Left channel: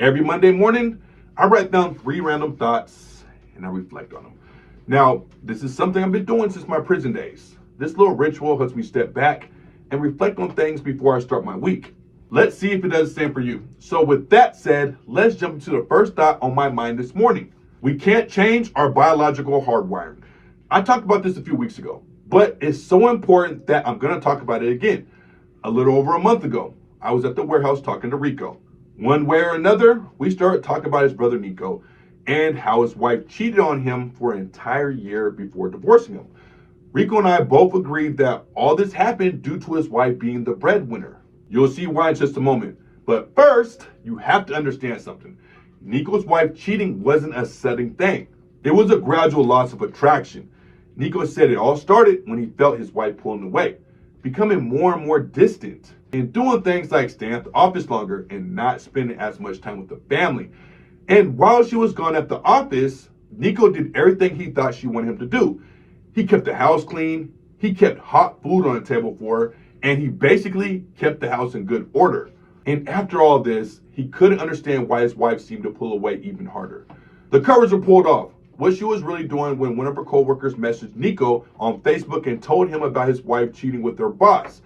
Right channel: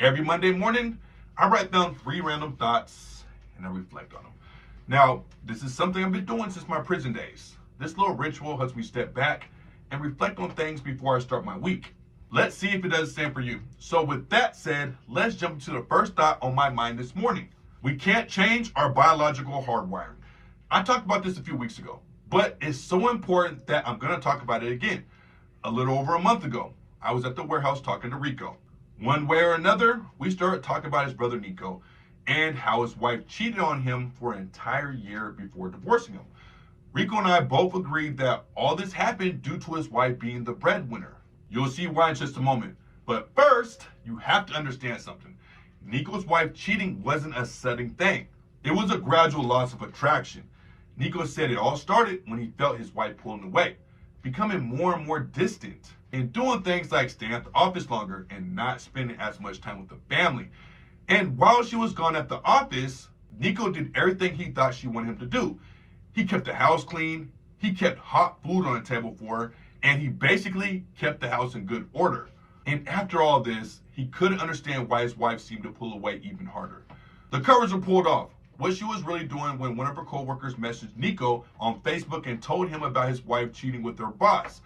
Every Monday morning, I write down 3 random thoughts and I reflect on them. Now, this is something I've been doing since my prison days. This little ritual helps me step back and reflect on things before I start my week. Let's see if it does the same for you. So with that said, let's jump into the first thought on my mind this morning. We can't change our biological hardwiring. I talked about this a few weeks ago, but it's so important that I'm gonna talk about it again. A little over a month ago, I was at the warehouse talking to Rico. One way or another, we started talking about his brother Nico and how his wife cheated on him for an entire year before divorcing him. Rico and I both agreed that all this happened due to his wife being the breadwinner. You'll see why in just a moment. But first, you have to understand something. Nico's wife cheating wasn't a sudden thing. It was a gradual loss of attraction. Nico said it all started when he felt his wife pulling away, becoming more and more distant, and doing things like staying at the office longer and not spending as much time with the family. And while she was gone at the office, Nico did everything he thought she wanted him to do. He kept the house clean, he kept hot food on the table for her, and he basically kept the house in good order. And after all this, he couldn't understand why his wife seemed to pull away even harder. The covers were pulled off. What she was really doing when one of her co-workers messaged Nico on Facebook and told him about his wife cheating with her boss.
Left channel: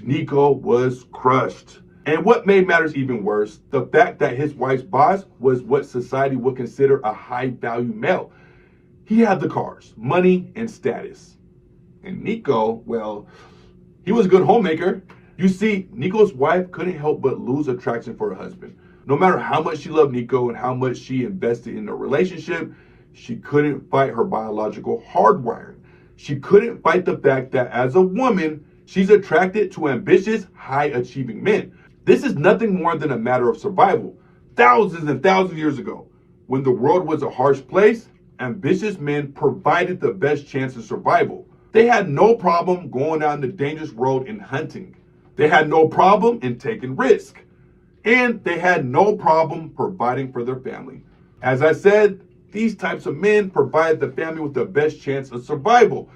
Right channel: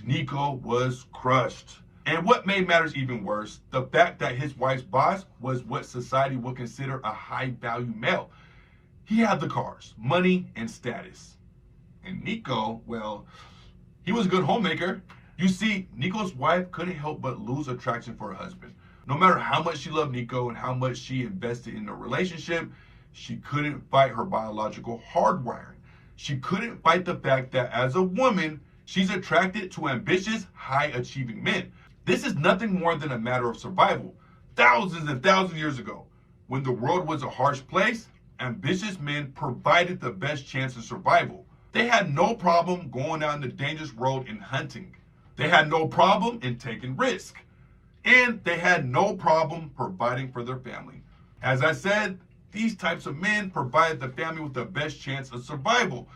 Nico was crushed. And what made matters even worse, the fact that his wife's boss was what society would consider a high-value male. He had the cars, money, and status. And Nico, well, he was a good homemaker. You see, Nico's wife couldn't help but lose attraction for her husband. No matter how much she loved Nico and how much she invested in their relationship, she couldn't fight her biological hardwiring. She couldn't fight the fact that as a woman, she's attracted to ambitious, high-achieving men. This is nothing more than a matter of survival. Thousands and thousands of years ago, when the world was a harsh place, ambitious men provided the best chance of survival. They had no problem going out in the dangerous road and hunting. They had no problem in taking risk. And they had no problem providing for their family. As I said, these types of men provide the family with the best chance of survival.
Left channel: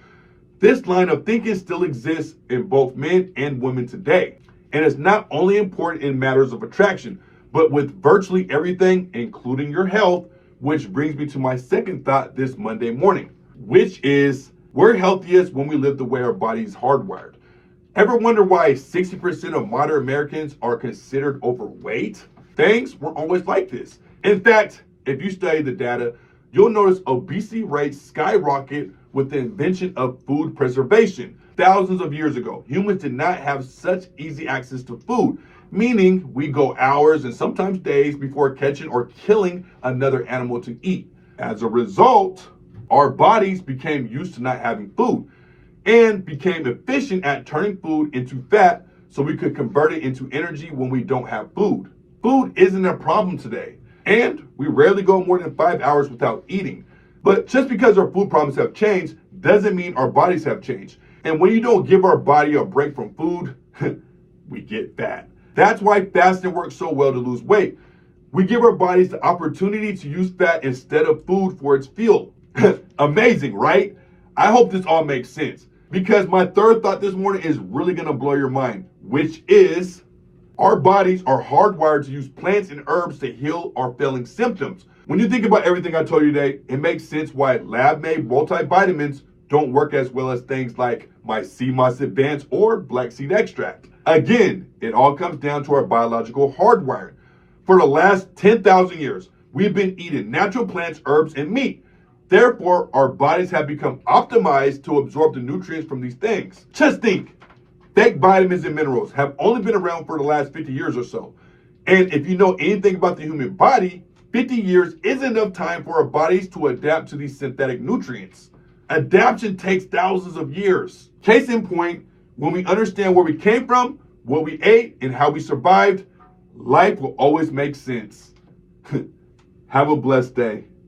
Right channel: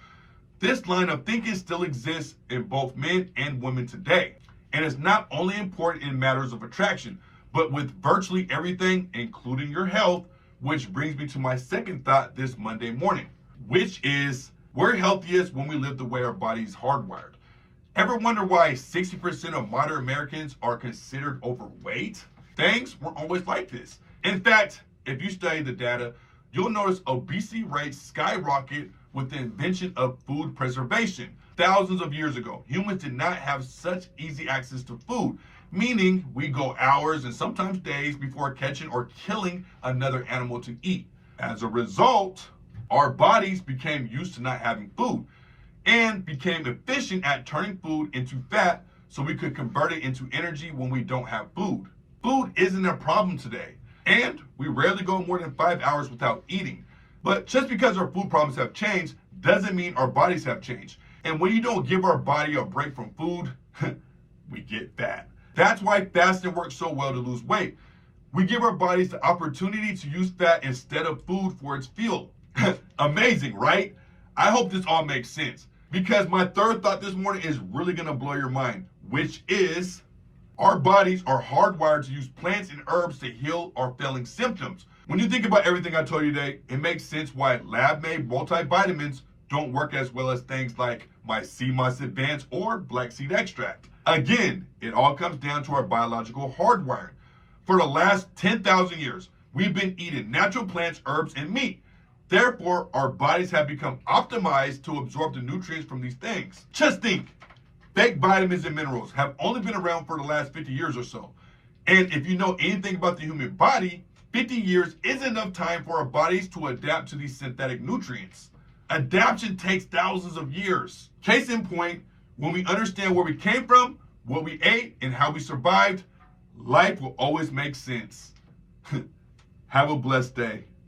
This line of thinking still exists in both men and women today. And it's not only important in matters of attraction, but with virtually everything, including your health, which brings me to my second thought this Monday morning, which is we're healthiest when we live the way our body's hardwired. Ever wonder why 60% of modern Americans are considered overweight? Things weren't always like this. In fact, if you study the data, you'll notice obesity rates skyrocket with the invention of food preservation. Thousands of years ago, humans did not have such easy access to food, meaning we go hours and sometimes days before catching or killing another animal to eat. As a result, our bodies became used to not having food and became efficient at turning food into fat so we could convert it into energy when we don't have food. Food isn't a problem today, and we rarely go more than 5 hours without eating. But just because our food problems have changed doesn't mean our bodies have changed. And when you don't give our body a break from food, we get fat. That's why fasting works so well to lose weight. We give our bodies the opportunity to use fat instead of food for its fuel. Amazing, right? I hope this all makes sense, because my third thought this morning is really gonna blow your mind, which is our bodies are hardwired to use plants and herbs to heal our failing symptoms. When you think about everything I told you today, it makes sense why lab-made multivitamins don't work as well as things like my sea moss advanced or black seed extract. Again, it all comes down to our biological hardwiring. For the last 10,000 years, we've been eating natural plants, herbs, and meat. Therefore, our bodies have become optimized to absorb the nutrients from these things. Just think, fake vitamins and minerals have only been around for the last 50 years or so. And if you know anything about the human body, 50 years isn't enough time for our bodies to adapt to these synthetic nutrients. Adaptation takes thousands of years. Case in point, when we understand where we came from, what we ate, and how we survived, life will always make sense. Have a blessed day.